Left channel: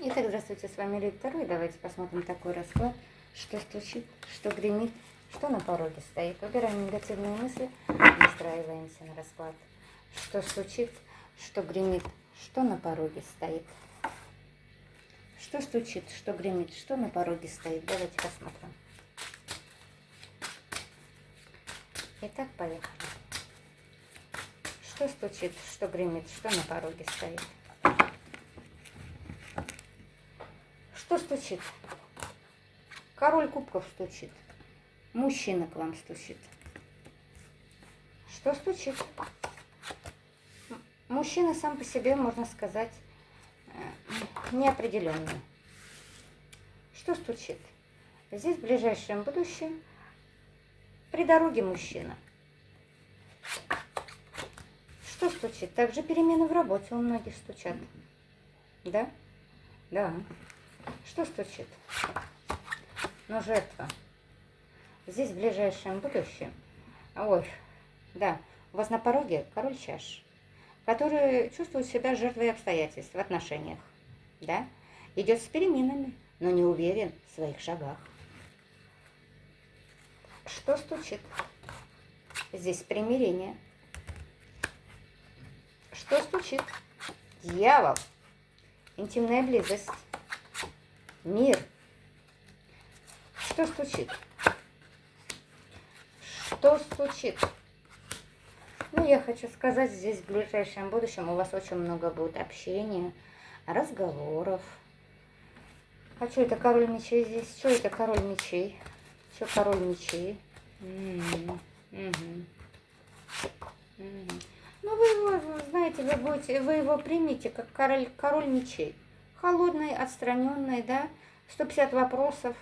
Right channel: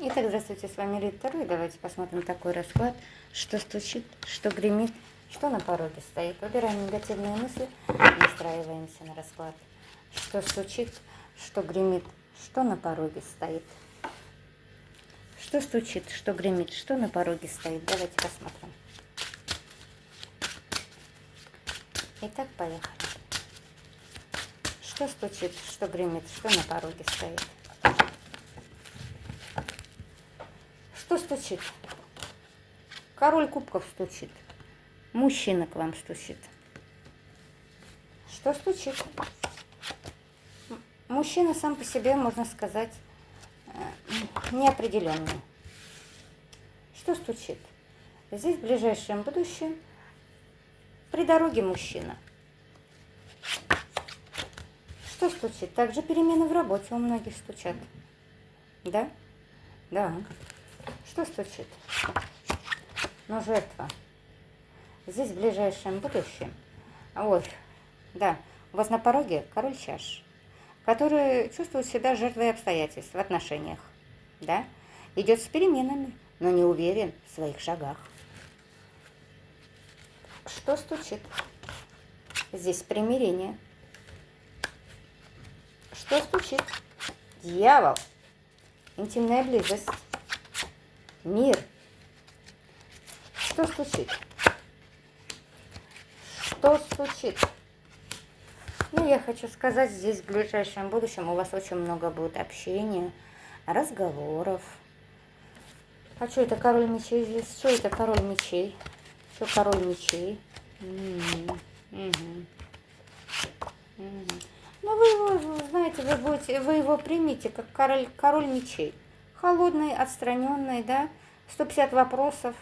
Итак, здравствуйте, с вами Рит Таро, и давайте посмотрим такой расклад, что стучит, что гремит, что на пороге стоит. Выбираем негативные мысли, настраиваемся на расклад, что стучит, что гремит, что на пороге стоит. Что стучит, что гремит, что на пороге стоит. Давайте посмотрим. Итак, поехали. Что стучит, что гремит, что на пороге стоит. Что стучит? Король кубков стучит. Мужчина к вам стучит. Что стучит? Мужчина сам по себе, можно сказать, неопределенный. Что стучит? Здесь в ближайшем будущем при дороге мужчина. Что стучит? Также перемены в работе у многих стучат. Да? Да. Что стучит? Но жертва. Здесь в ближайшем будущем. Ой, да, у вас на пороге король чаш, который чувствует себя жертвой обстоятельств в отношениях. Да? Идет с переменами, но не уверен в своих шагах. Что стучит? Здесь примирение. Что стучит? Дьявол. Интимная близость. Мир. Что стучит? Что стучит? Ну, я хочу сказать, здесь в ближайшем будущем у вас очень много будет общения, разговоров. А что это король мечей здесь? Что это король мечей? Что король мечей? Ну, вы его, знаете, вы его примите как король мечей. Холодный, отстраненный, да, 150 вопросов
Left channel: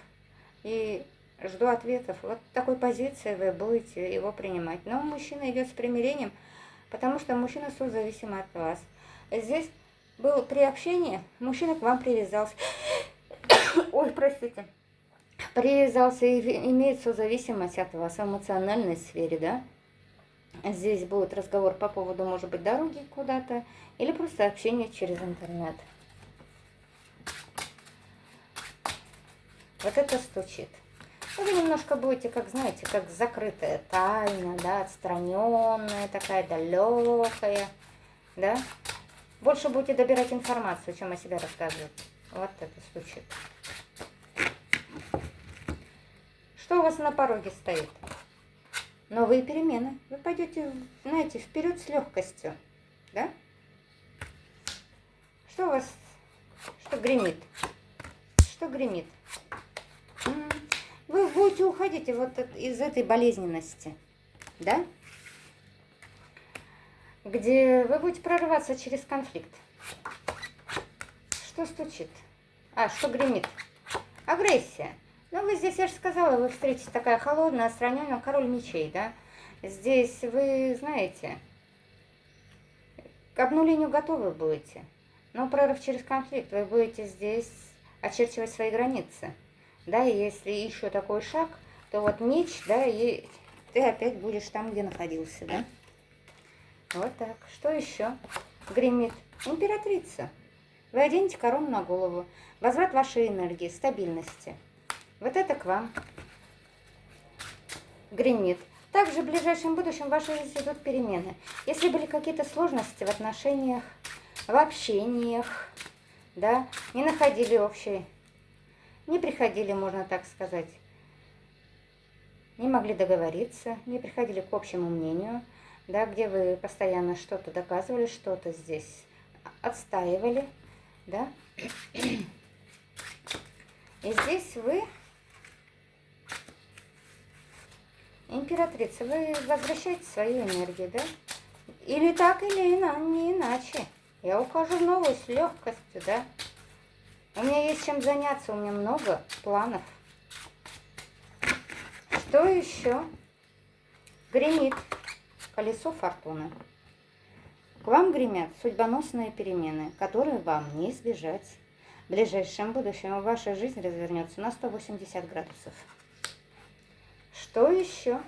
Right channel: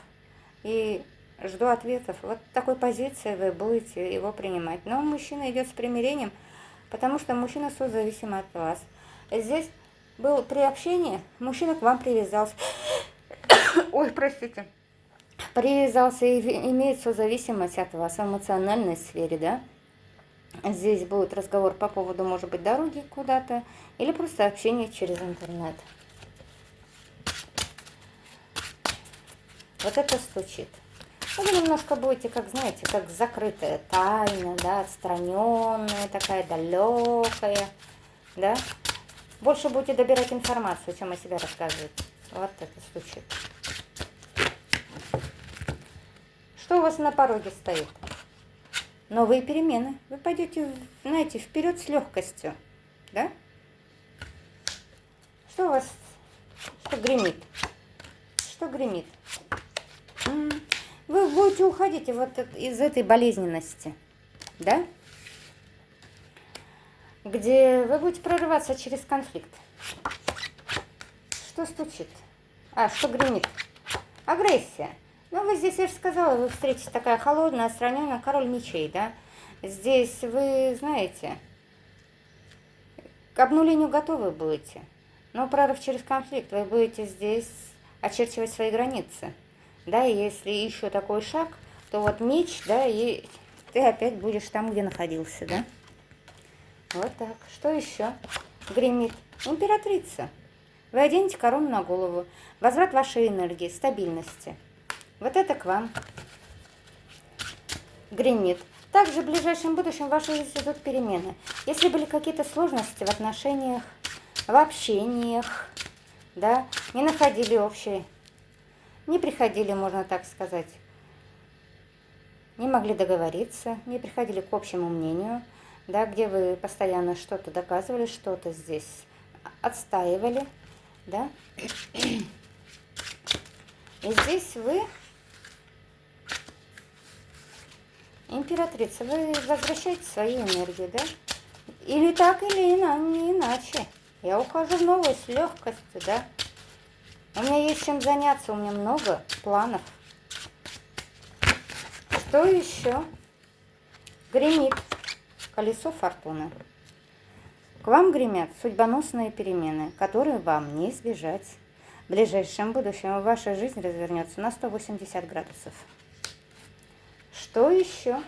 и жду ответов. Вот такой позиции вы будете его принимать. Но мужчина идет с примирением, потому что мужчина созависим от вас. Здесь был при общении, мужчина к вам привязался. Ой, простите. Привязался и имеет созависимость от вас в эмоциональной сфере, да. Здесь будет разговор по поводу, может быть, дороги куда-то или просто общение через интернет. Вот это стучит. Вы немножко будете, как знаете, как закрытая тайна, да, отстраненная, такая далекая, да. Больше будете добирать информацию, чем о себе рассказывать. Вот это стучит. Что у вас на пороге стоит? Новые перемены. Вы пойдете, знаете, вперед с легкостью, да? Что у вас, что гремит? Что гремит? Вы будете уходить вот из этой болезненности, да? Где вы будете прорываться через конфликт. Что стучит? А, что гремит? Агрессия. Ну, вы здесь, я же сказала, вы встретите такая холодная, отстраненная, король мечей, да? Здесь вы, знаете, к обнулению готовы будете. Но прорыв через конфликт, вы будете здесь очерчивать свои границы. Да, и если еще такой шаг, то вот меч, да, и ты опять будешь там, где находился, да? Вот так. Что еще гремит? Императрица. Вы оденете корону на голову. Возврат вашей энергии, стабильности. Вот это к вам гремит. Также в ближайшем будущем в вашей жизни идут перемены. Если были какие-то сложности в отношениях, в общениях, да, не находили общей, не приходили, можно так сказать, не могли договориться, не приходили к общему мнению, да, где вы постоянно что-то доказывали, что-то здесь отстаивали, да. И здесь вы, императрица, вы возвращаете свою энергию, да? Или так, или не иначе. Я ухожу в новую с легкостью, да? У меня есть чем заняться, у меня много планов. Что еще? Гремит колесо фортуны. К вам гремят судьбоносные перемены, которые вам не избежать. В ближайшем будущем ваша жизнь развернется на 180 градусов. Что еще?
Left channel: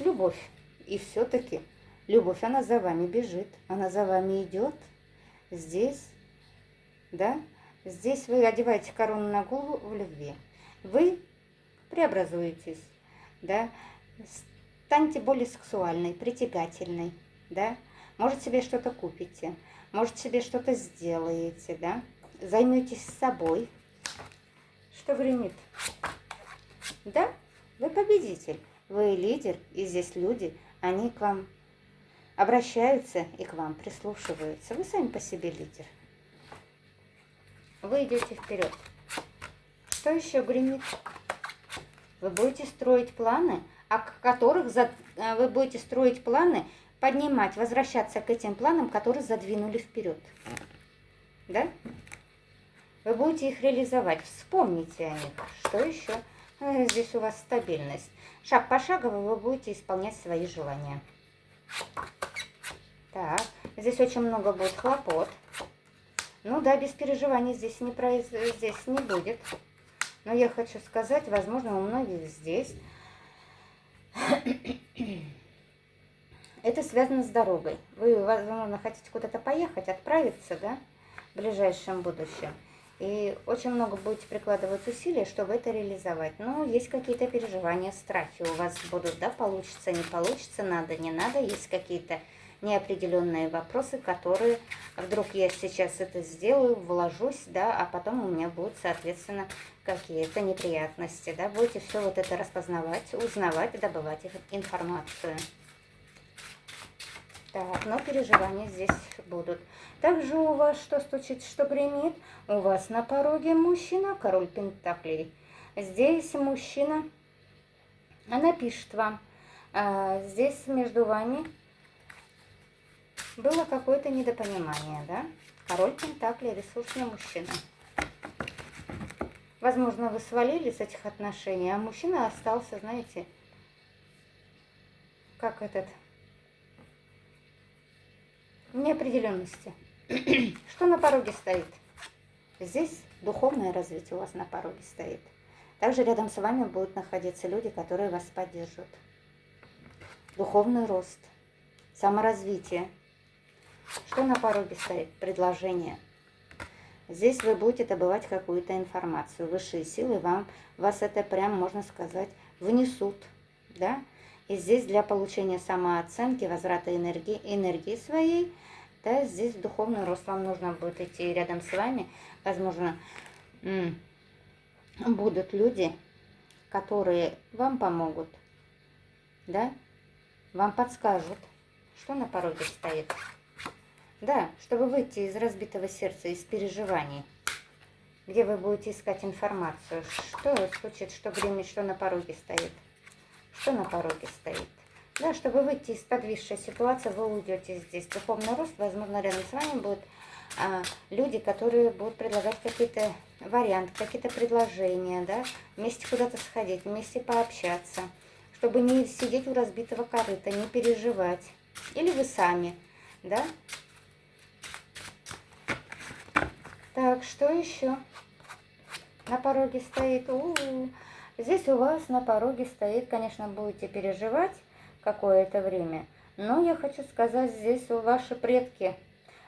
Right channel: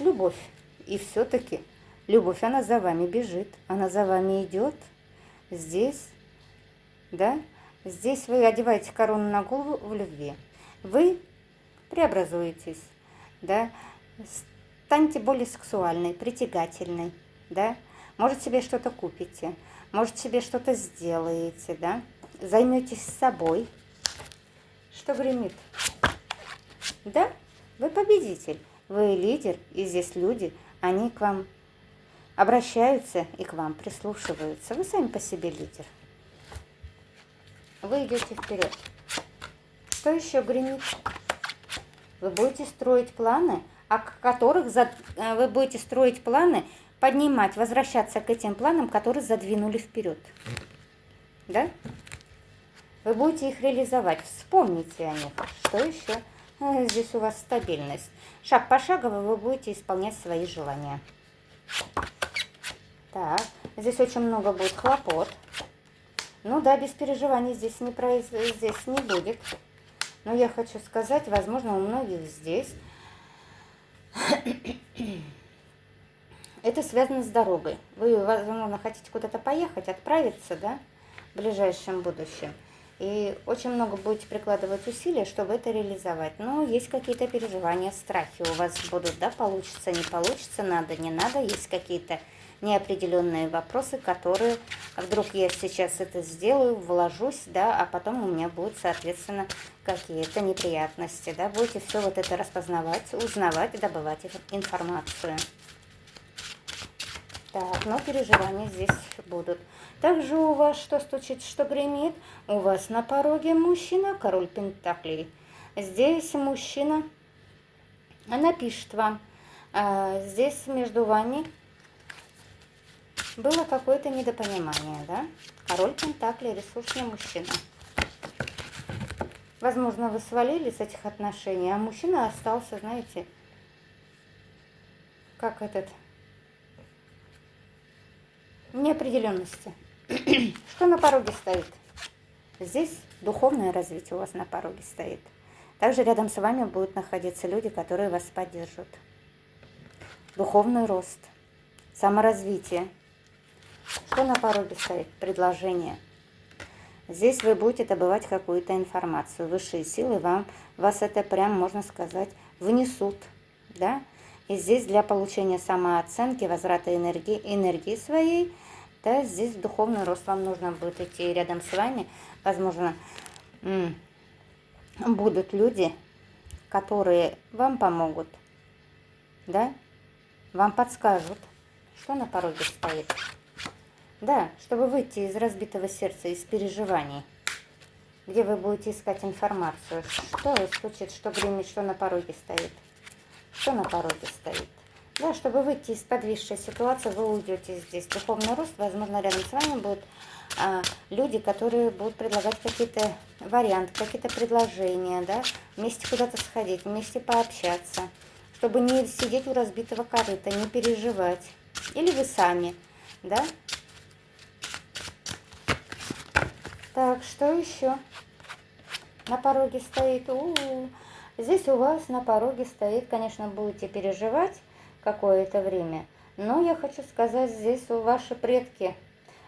Любовь. И все-таки любовь, она за вами бежит, она за вами идет. Здесь да? Здесь вы одеваете корону на голову в любви. Вы преобразуетесь, да? Станьте более сексуальной, притягательной, да? Может, себе что-то купите, может, себе что-то сделаете, да? Займетесь собой. Что гремит? Да, вы победитель, вы лидер, и здесь люди, они к вам обращаются и к вам прислушиваются. Вы сами по себе лидер. Вы идете вперед. Что еще гремит? Вы будете строить планы, вы будете строить планы, поднимать, возвращаться к этим планам, которые задвинули вперед. Да? Вы будете их реализовать. Вспомните о них. Что еще? Здесь у вас стабильность. Шаг пошагово вы будете исполнять свои желания. Так, здесь очень много будет хлопот. Ну да, без переживаний здесь не будет. Но я хочу сказать, возможно, у многих здесь это связано с дорогой. Вы, возможно, хотите куда-то поехать, отправиться, да, в ближайшем будущем. И очень много будете прикладывать усилия, чтобы это реализовать. Но есть какие-то переживания, страхи у вас будут, да, получится, не получится, надо, не надо. Есть какие-то неопределенные вопросы, которые вдруг я сейчас это сделаю, вложусь, да, а потом у меня будут, соответственно, какие-то неприятности, да. Будете все вот это распознавать, узнавать, добывать информацию. Так, но переживания здесь будут. Также у вас что стучит, что гремит? У вас на пороге мужчина, король пентаклей. Здесь мужчина напишет вам. Здесь между вами было какое-то недопонимание, да? Король пентаклей, ресурсный мужчина. Возможно, вы свалили с этих отношений, а мужчина остался, знаете, как этот... неопределенности. Что на пороге стоит? Здесь духовное развитие у вас на пороге стоит. Также рядом с вами будут находиться люди, которые вас поддержат. Духовный рост, саморазвитие. Что на пороге стоит? Предложение. Здесь вы будете добывать какую-то информацию. Высшие силы вас это прям, можно сказать, внесут, да? И здесь для получения самооценки, возврата энергии своей, да, здесь духовный рост вам нужно будет идти рядом с вами. Возможно, будут люди, которые вам помогут, да, вам подскажут, что на пороге стоит. Да, чтобы выйти из разбитого сердца, из переживаний, где вы будете искать информацию, что случится, что гремит, что на пороге стоит. Что на пороге стоит. Да, чтобы выйти из подвисшей ситуации, вы уйдете здесь. Духовный рост, возможно, рядом с вами будут люди, которые будут предлагать какие-то варианты, какие-то предложения, да, вместе куда-то сходить, вместе пообщаться, чтобы не сидеть у разбитого корыта, не переживать. Или вы сами, да. Так, что еще на пороге стоит? Здесь у вас на пороге стоит, конечно, будете переживать какое-то время, но я хочу сказать, здесь ваши предки,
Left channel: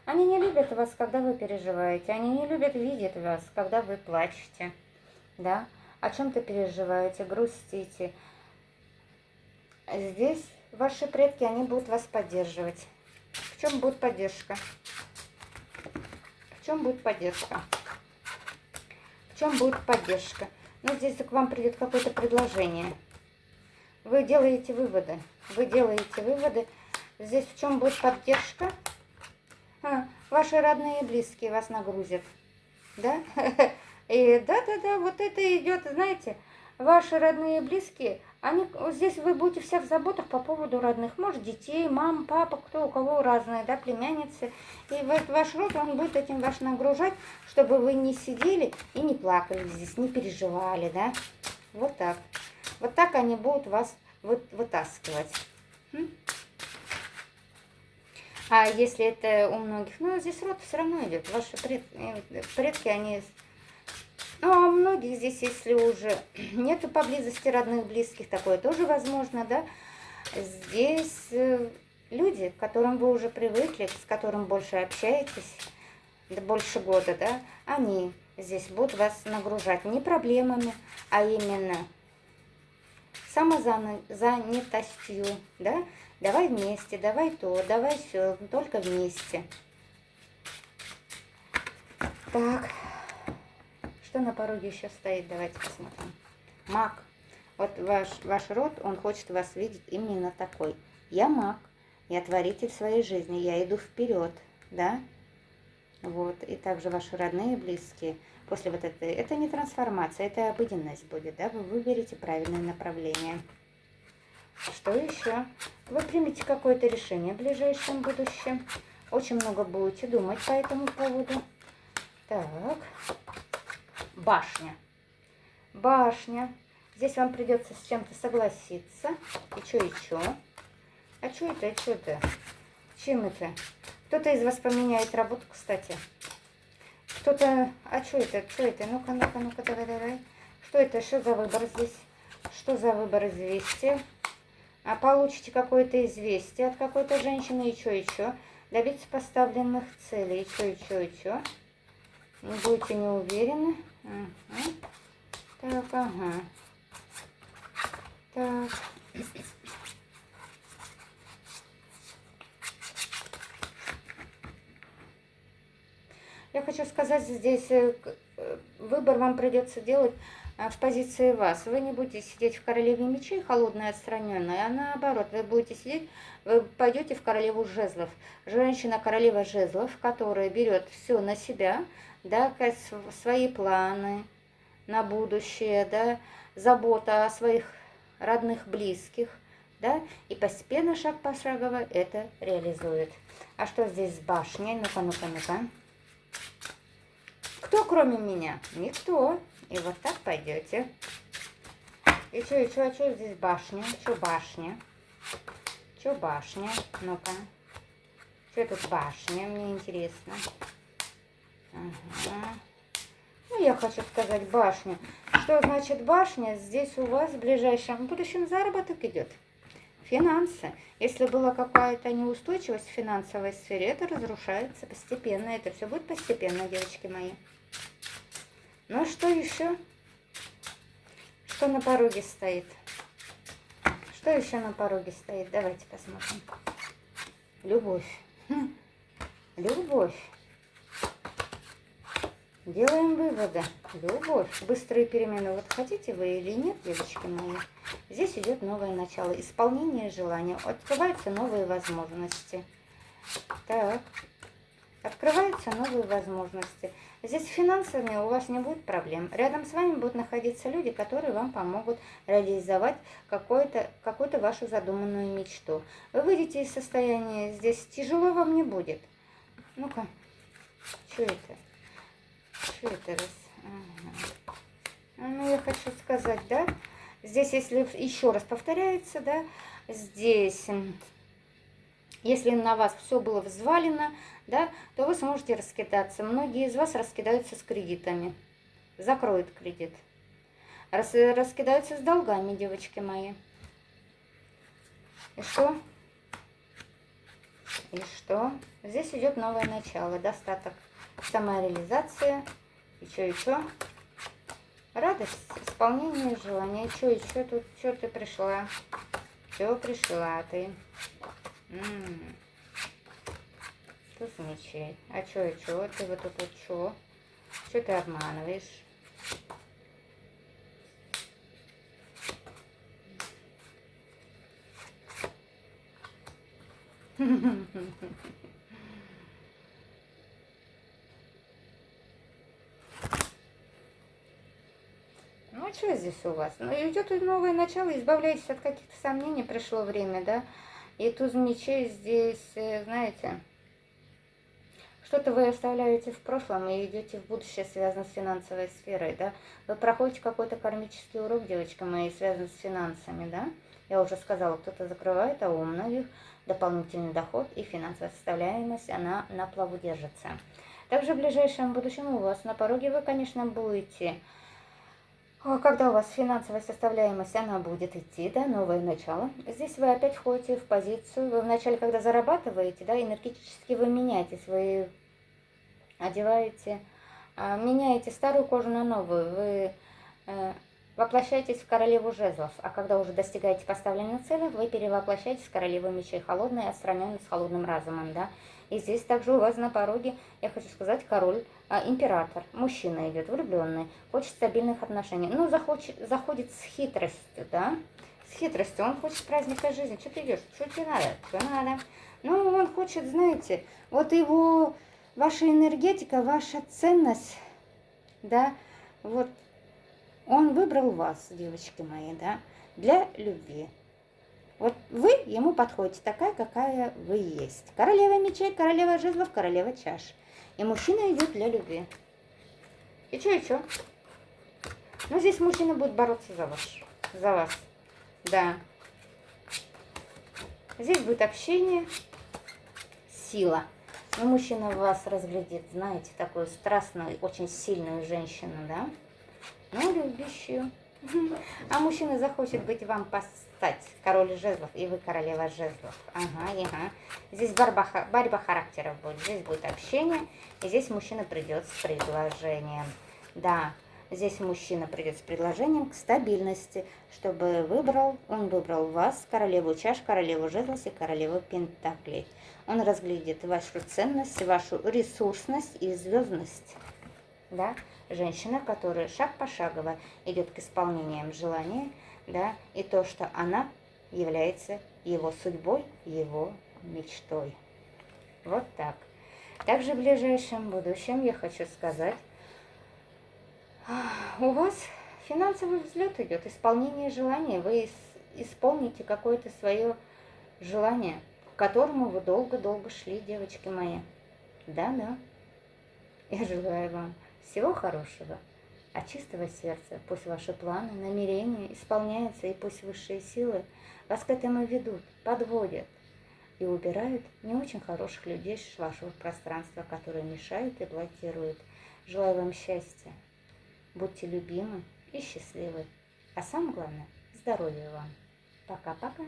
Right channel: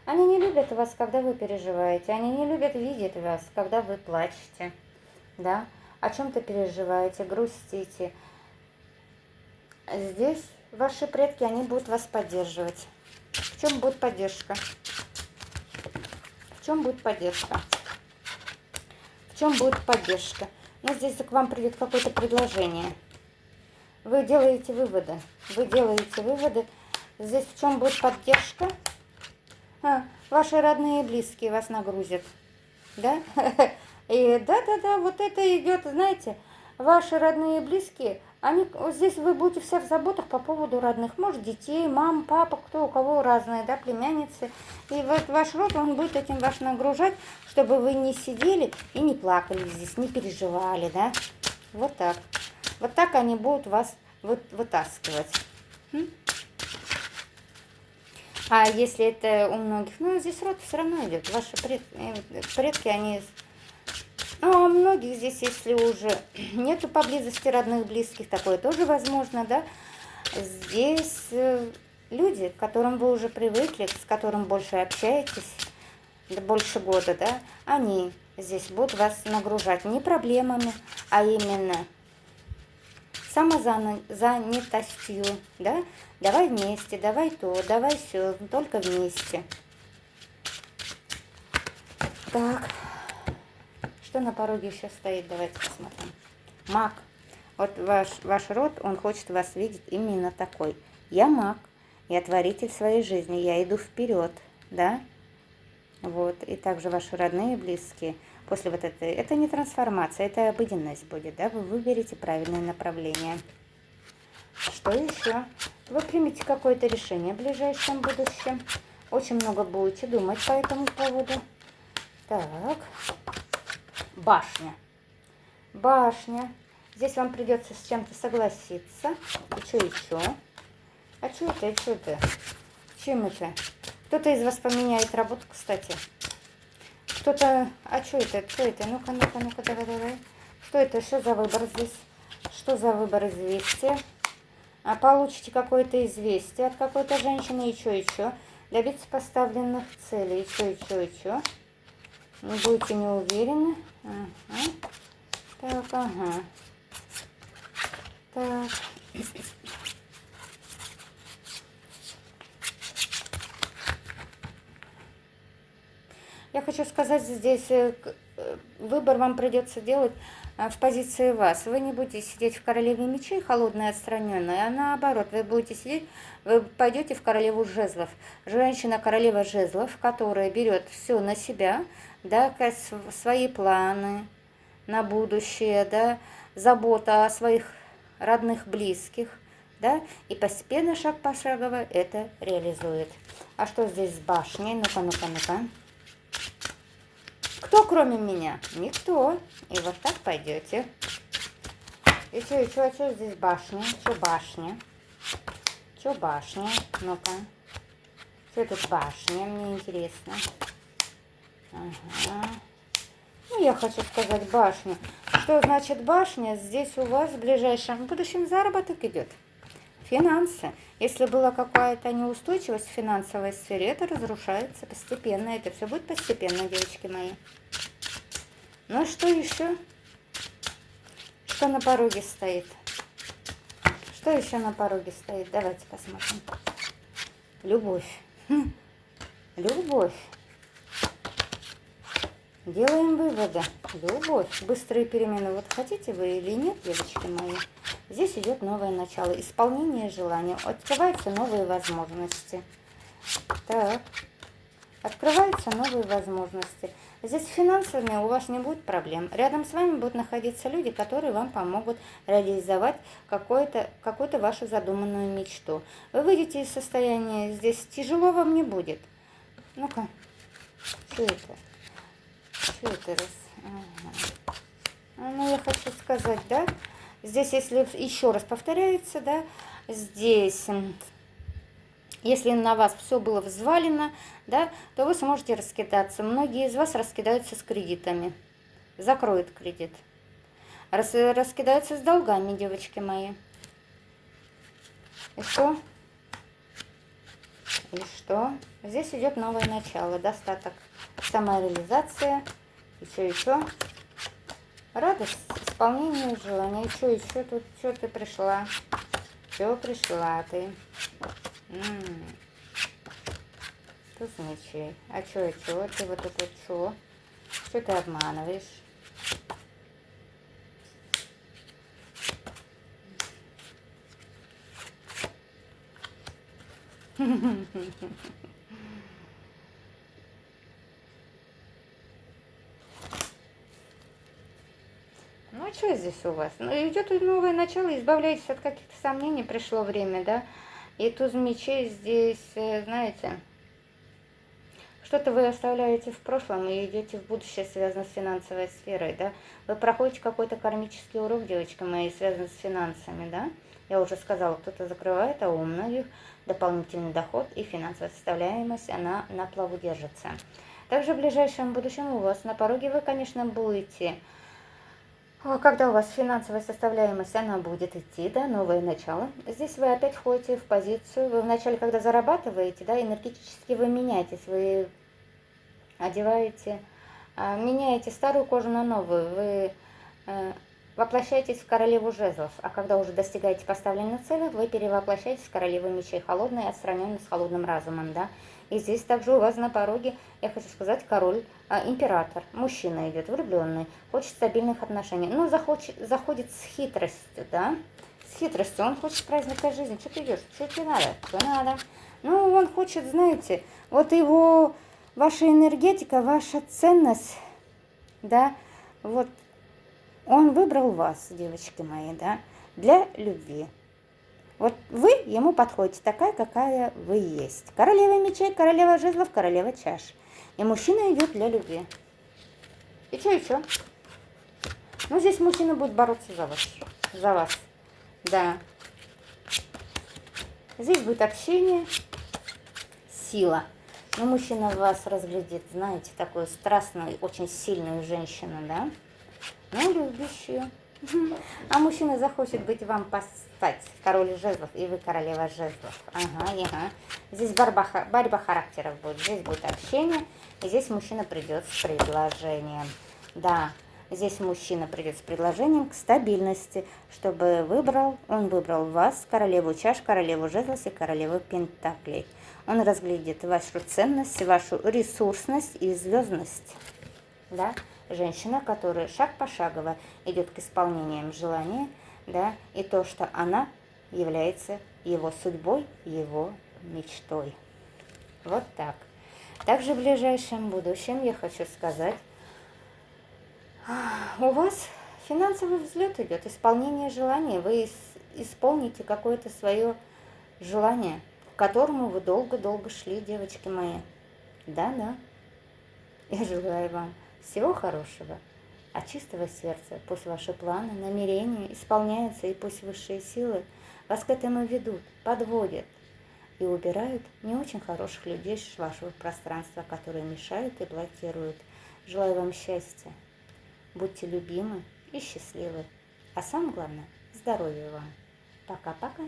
они не любят вас, когда вы переживаете, они не любят видеть вас, когда вы плачете, да, о чем-то переживаете, грустите. Здесь ваши предки, они будут вас поддерживать. В чем будет поддержка? В чем будет поддержка? В чем будет поддержка? Ну, здесь к вам придет какое-то предложение. Вы делаете выводы. Вы делаете выводы. Здесь в чем будет поддержка? Ваши родные и близкие вас нагрузят. Да? И да, вот это идет, знаете, ваши родные и близкие, здесь вы будете все в заботах по поводу родных. Может, детей, мам, папа, кто у кого разные, да, племянницы. И вот ваш род, он будет этим вас нагружать, чтобы вы не сидели и не плакали здесь, не переживали, да. Вот так. Вот так они будут вас вытаскивать. А если это у многих, ну, здесь род все равно идет. Ваши предки, они... Ну, а у многих здесь, если уже нету поблизости родных, близких, такое тоже возможно, да. Здесь люди, к которым вы уже привыкли, с которым больше общаетесь, больше года, да, они здесь будут вас нагружать не проблемами, а именно самозанятостью, да, давай вместе, давай то, давай все, только вместе. Так, что на пороге еще стоит, давайте посмотрим. Маг. Вот ваш род, он хочет вас видеть именно такой. Я маг, я творитель своей жизни, я иду вперед, да? Вот, и также ваши родные, близкие, после вот этой, это не трансформация, это обыденность будет, да? Вы выберете правильное направление. Что еще? Вы примете какое-то решение в ближайшем будущем. Очень много будете думать по этому поводу. Так, башня. Башня. Здесь вам придется с чем-то согласиться. И что еще? А что это? Что это? Чем это? Кто-то из вас поменяет работу, кстати. Кто-то... А что это? Что это? Ну-ка, ну-ка, ну-ка, давай. Что это? Что за выбор здесь? Что за выбор известия? А получите какое-то известие от какой-то женщины. И что? Добиться поставленных целей. И что? Не будете не уверены. Ага. Так, ага. Так. Я хочу сказать, здесь выбор вам придется делать в позиции вас. Вы не будете сидеть в королеве мечей, холодная, отстраненная, а наоборот, вы будете сидеть, вы пойдете в королеву жезлов. Женщина королева жезлов, которая берет все на себя, да, свои планы на будущее, да, забота о своих родных, близких, да, и постепенно, шаг пошагово это реализует. А что здесь с башней? Ну-ка, ну-ка, ну-ка. Кто кроме меня? Никто. И вот так пойдете. И что здесь башня? Что башня? Что башня? Ну-ка. Что тут башня? Мне интересно. Ага. Ну, я хочу сказать башня. Что значит башня? Здесь у вас в ближайшем будущем заработок идет. Финансы. Если была какая-то неустойчивость в финансовой сфере, это разрушается постепенно. Это все будет постепенно, девочки мои. Ну, что еще? Что на пороге стоит? Что еще на пороге стоит? Давайте посмотрим. Любовь. Любовь. Делаем выводы. Любовь. Быстрые перемены. Вот хотите вы или нет, девочки мои? Здесь идет новое начало. Исполнение желания. Открываются новые возможности. Так. Открываются новые возможности. Здесь с финансами у вас не будет проблем. Рядом с вами будут находиться люди, которые вам помогут реализовать какую-то вашу задуманную мечту. Вы выйдете из состояния, здесь тяжело вам не будет. Ну-ка, что это? Что это раз? Ага. Ну, я хочу сказать, да, здесь, если еще раз повторяется, да, здесь, если на вас все было взвалено, да, то вы сможете раскидаться. Многие из вас раскидаются с кредитами, закроют кредит. Раскидаются с долгами, девочки мои. И что? И что? Здесь идет новое начало, достаток, самореализация. И что? Радость, исполнение желания. И что тут? Что ты пришла? Что пришла ты? Туз мечей. А что? Ты вот тут вот что? Что ты обманываешь? Ну, что здесь у вас? Ну, идет новое начало, избавляйтесь от каких-то сомнений, пришло время, да? И туз мечей здесь, знаете, что-то вы оставляете в прошлом и идете в будущее, связанное с финансовой сферой, да? Вы проходите какой-то кармический урок, девочка моя, связанный с финансами, да? Я уже сказала, кто-то закрывает, а у многих дополнительный доход и финансовая составляемость, она на плаву держится. Также в ближайшем будущем у вас на пороге вы, конечно, будете... Когда у вас финансовая составляемость, она будет идти, да, новое начало. Здесь вы опять входите в позицию, вы вначале, когда зарабатываете, да, энергетически вы меняетесь, вы одеваете, меняете старую кожу на новую, вы воплощаетесь в королеву жезлов, а когда уже достигаете поставленной цели, вы перевоплощаетесь в королеву мечей, холодной, отстраненной, с холодным разумом, да. И здесь также у вас на пороге, я хочу сказать, король, император, мужчина идет, влюбленный, хочет стабильных отношений, но заходит с хитростью, да, с хитростью, он хочет праздника жизни, что ты идешь, что тебе надо, что надо, ну, он хочет, знаете, вот его, ваша энергетика, ваша ценность, да, вот, он выбрал вас, девочки мои, да, для любви. Вот вы ему подходите такая, какая вы есть. Королева мечей, королева жезлов, королева чаш. И мужчина идет для любви. И что? Ну, здесь мужчина будет бороться за вас. За вас. Да. Здесь будет общение, сила. Но мужчина вас разглядит, знаете, такую страстную, очень сильную женщину, да? Ну, любящую. А мужчина захочет быть вам постать, король жезлов, и вы королева жезлов. Ага. Здесь борьба характеров будет, здесь будет общение, и здесь мужчина придет с предложением. Да, здесь мужчина придет с предложением к стабильности, чтобы он выбрал вас, королеву чаш, королеву жезлов и королеву пентаклей. Он разглядит вашу ценность, вашу ресурсность и звездность. Да? Женщина, которая шаг пошагово идет к исполнениям желания, да, и то, что она является его судьбой, его мечтой. Вот так. Также в ближайшем будущем я хочу сказать, у вас финансовый взлет идет, исполнение желания. Вы исполните какое-то свое желание, к которому вы долго-долго шли, девочки мои. Да. Я желаю вам всего хорошего, от чистого сердца. Пусть ваши планы, намерения исполняются, и пусть высшие силы вас к этому ведут, подводят и убирают не очень хороших людей с вашего пространства, которые мешают и блокируют. Желаю вам счастья, будьте любимы и счастливы, а самое главное – здоровья вам. Пока-пока.